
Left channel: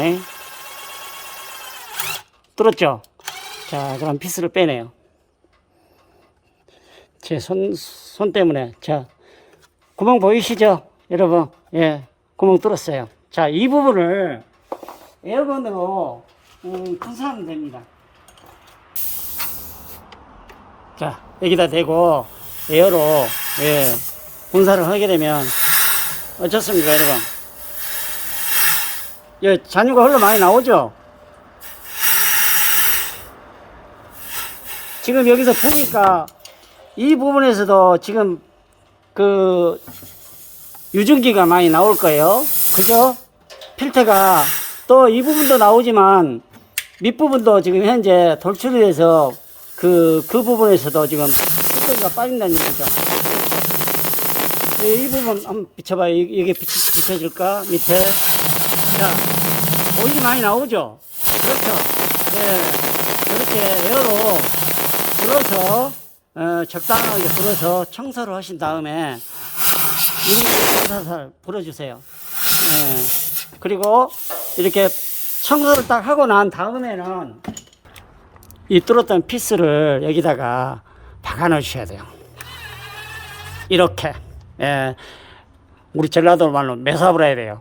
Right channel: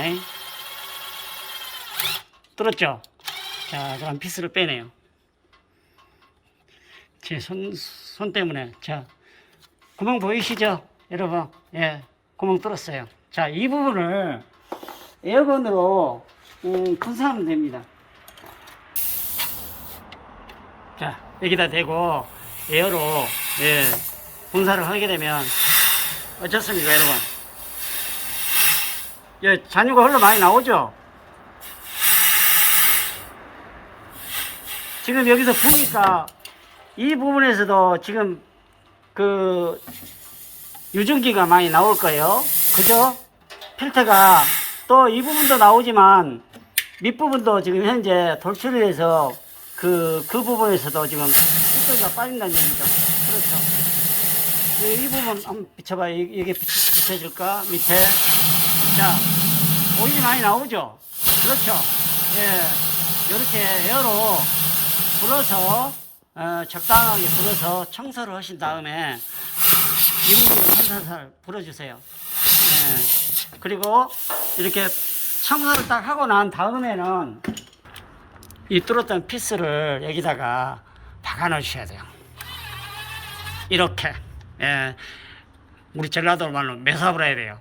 뚫었죠? 자, 그럼 피스를 빼내요. 제 손 때문에. 자, 구멍 보이시죠? 여러분, 구멍 뚫었어요. 자, 이 부분을 에어건으로 분사하면 됩니다. 자, 여기다 대고 에어로 분사를 하게 되면 어떻습니까, 여러분? 잔유가 흘러 많이 나오죠? 지금 여기서 보니까 이 부분에서도 지금 그 유증기가 많이 나올 거예요. 그죠? 필터가 또 이 부분도 나오지만 밑부분도 지금 현재 돌출이 돼서 그 부분에서도 지금 필터가 빠진다는 얘기죠. 이 부분 한번 비춰봐. 이게 비춰질까? 밑에. 자, 오일이 많이 나오죠? 그렇죠. 네. 이렇게 에어로 불어서, 적당하게 불어서 청소를 하신 다음에, 이렇게 살살 불어주세요. 네. 그리고 이렇게 청소를 딱 하고 난 다음에는 이 뚫었던 피스를 여기다가 박아 넣으셔야 돼요. 이렇게. 예. 우리 전라도 말로 매삽을 해야 돼요.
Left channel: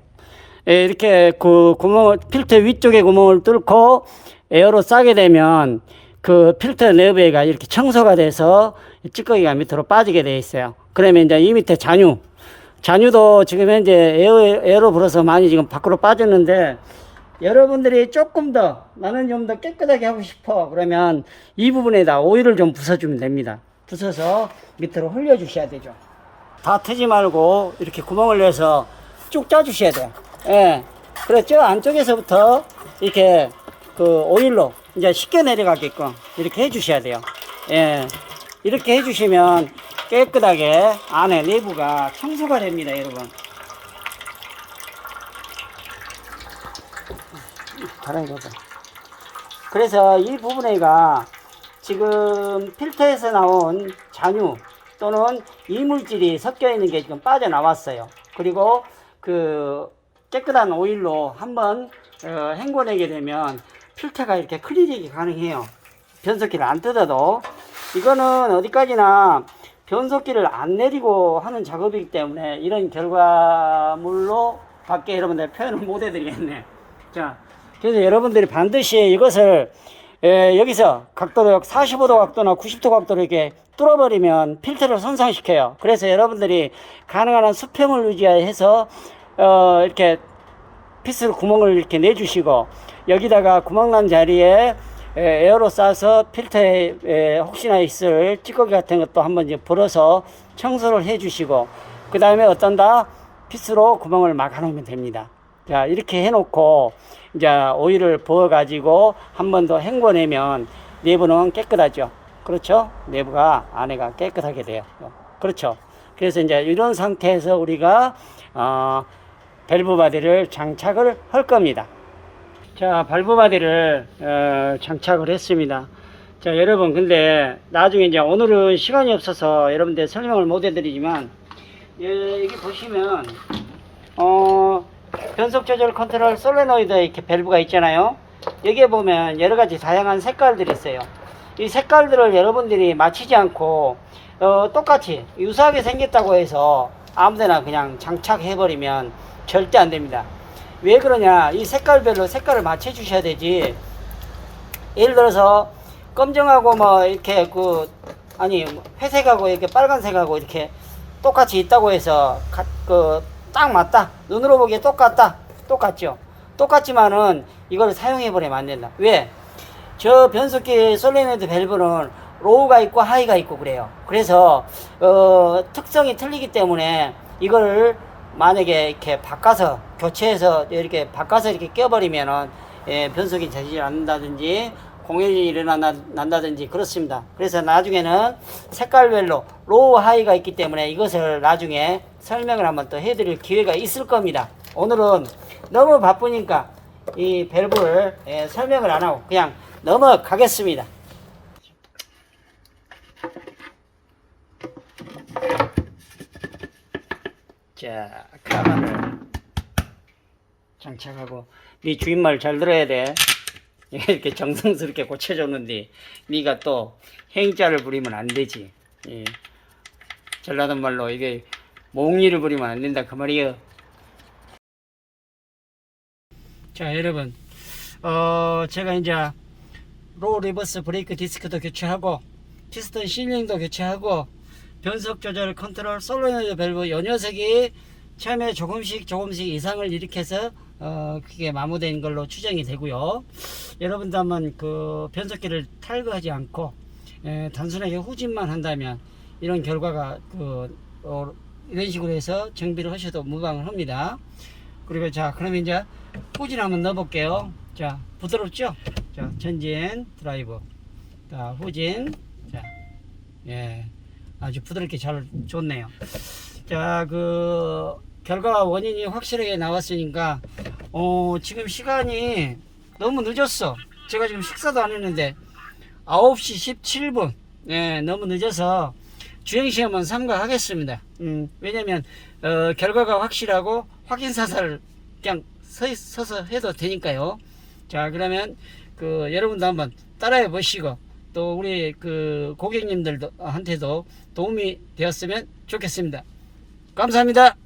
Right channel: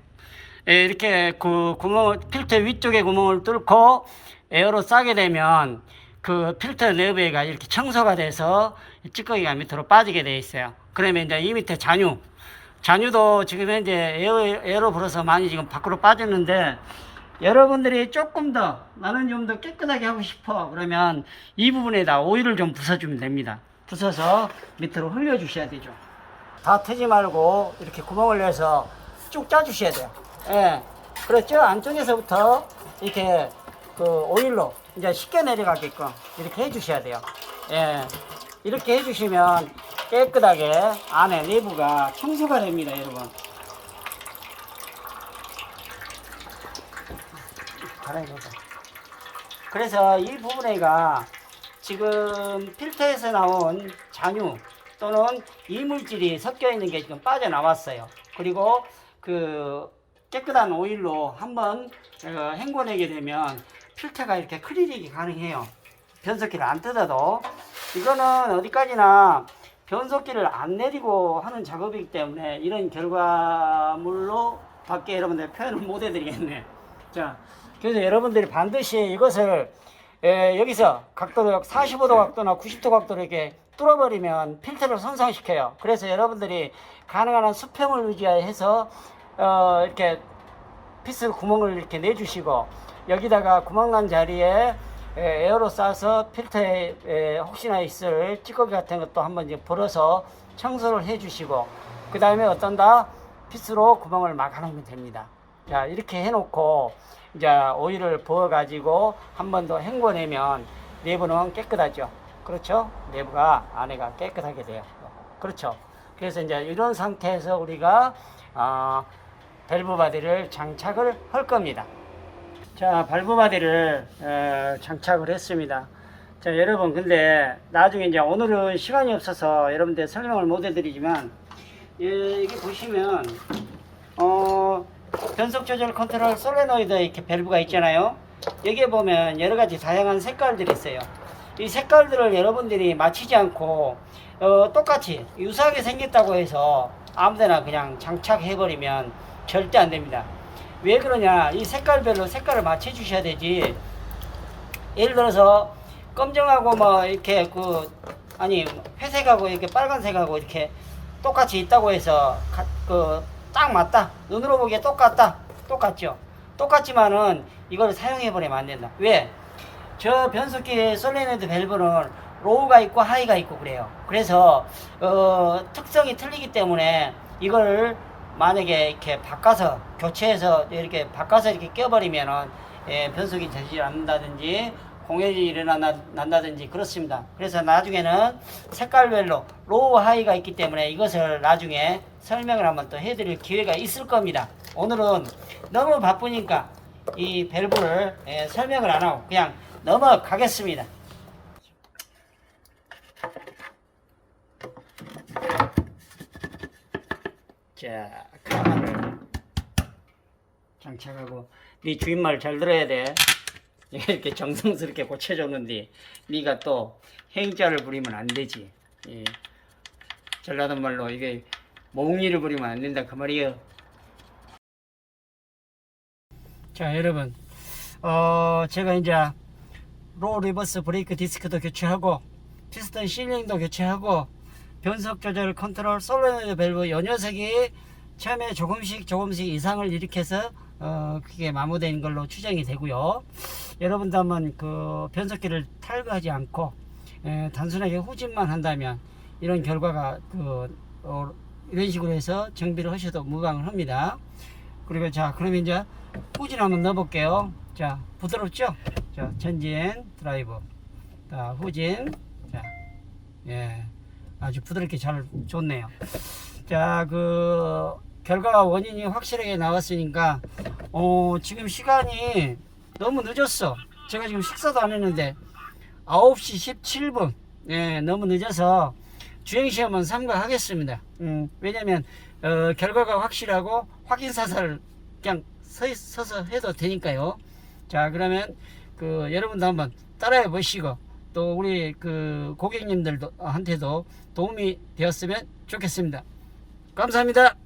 예, 이렇게 그 구멍, 필터 위쪽에 구멍을 뚫고 에어로 싸게 되면 그 필터 내부가 이렇게 청소가 돼서 찌꺼기가 밑으로 빠지게 되어 있어요. 그러면 이제 이 밑에 잔유도 지금 현재 에어로 불어서 많이 지금 밖으로 빠졌는데, 여러분들이 조금 더 나는 좀 더 깨끗하게 하고 싶어 그러면 이 부분에다 오일을 좀 부숴주면 됩니다. 부숴서 밑으로 흘려 주셔야 되죠. 다 트지 말고 이렇게 구멍을 내서 쭉 짜 주셔야 돼요. 예. 그렇죠. 안쪽에서부터 이렇게 그 오일로 이제 쉽게 내려가게끔 이렇게 해 주셔야 돼요. 예. 이렇게 해 주시면 깨끗하게 안에 내부가 청소가 됩니다, 여러분. 그래서 이 부분에가 지금 필터에서 나온 잔유 또는 이물질이 섞여 있는 게 지금 빠져나왔어요. 그리고 그 깨끗한 오일로 한번 헹궈내게 되면 필터가 이렇게 클리닉이 가능해요. 변속기를 안 뜯어도. 이거는 어디까지나 변속기를 안 내리고 하는 작업이기 때문에 이런 결과물로 밖에 여러분들 표현을 못 해드리겠네. 자, 그래서 여러분들이 반드시 이것을 여기서 각도를 45도 각도나 90도 각도로 이렇게 뚫어버리면 필터를 손상시켜요. 그래서 여러분들이 가능한 한 수평을 유지해서 이렇게 피스를 구멍을 이렇게 내주시고, 여기다가 구멍난 자리에 에어로 싸서 필터에 혹시나 있을 찌꺼기 같은 것도 한번 이제 불어서 청소를 해주시고, 그 다음에 어떤다? 피스로 구멍을 막아 놓으면 됩니다. 자, 이렇게 해놓고 이제 오일을 부어 가지고 한 번 더 헹궈내면 내부는 깨끗하죠. 그렇죠? 내부가 안에가 깨끗하게 돼요. 그렇죠? 그래서 이제 이런 상태에서 우리가 밸브 바디를 장착을 할 겁니다. 자, 밸브 바디를 장착을 했습니다. 자, 여러분, 근데 나중에 이제 오늘은 시간이 없어서 여러분들 설명을 못 해드리지만, 여기 보시면 변속 조절 컨트롤 솔레노이드 이렇게 밸브가 있잖아요. 여기에 보면 여러 가지 다양한 색깔들이 있어요. 이 색깔들을 여러분들이 맞추지 않고 똑같이 유사하게 생겼다고 해서 아무데나 그냥 장착해 버리면 절대 안 됩니다. 왜 그러냐? 이 색깔별로 색깔을 맞춰 주셔야 되지. 예를 들어서 검정하고 뭐 이렇게 회색하고 이렇게 빨간색하고 이렇게 똑같이 있다고 해서 딱 맞다, 눈으로 보기에 똑같죠. 똑같지만은 이걸 사용해 버리면 안 된다. 왜? 저 변속기 솔레노이드 밸브는 로우가 있고 하이가 있고 그래요. 그래서 특성이 틀리기 때문에 이걸 만약에 이렇게 바꿔서 교체해서 이렇게 바꿔서 이렇게 껴버리면은 변속이 되지 않는다든지 공해질이 일어난다든지 그렇습니다. 그래서 나중에는 색깔별로 로우 하이가 있기 때문에 이것을 나중에 설명을 한번 또 해드릴 기회가 있을 겁니다. 오늘은 너무 바쁘니까 이 밸브를 설명을 안 하고 그냥 넘어가겠습니다. 자, 가방을 장착하고, 네 주인말 잘 들어야 돼. 이렇게 정성스럽게 고쳐줬는데 네가 또 행자를 부리면 안 되지. 예. 전라도 말로 이게 몽리를 부리면 안 된다 그 말이에요. 자, 여러분, 제가 이제 로우 리버스 브레이크 디스크도 교체하고 피스톤 실링도 교체하고 변속 조절 컨트롤 솔레노이드 밸브 요 녀석이 처음에 조금씩 이상을 일으켜서 그게 마모된 걸로 추정이 되고요. 여러분도 한번 그 변속기를 탈거하지 않고 단순하게 후진만 한다면 이런 결과가 이런 식으로 해서 정비를 하셔도 무방을 합니다. 그리고 자, 그러면 이제 후진 한번 넣어 볼게요. 자, 부드럽죠? 자, 전진 드라이브, 자, 후진. 자, 예, 아주 부드럽게 잘 좋네요. 자, 그 결과 원인이 확실하게 나왔으니까 지금 시간이 너무 늦었어. 제가 지금 식사도 안 했는데 9시 17분. 예, 너무 늦어서 주행시험은 삼가하겠습니다. 왜냐면 결과가 확실하고 확인사살을 그냥 서서 해도 되니까요. 자, 그러면 그 여러분도 한번 따라해 보시고 또 우리 그 고객님들도 한테도 도움이 되었으면 좋겠습니다. 감사합니다.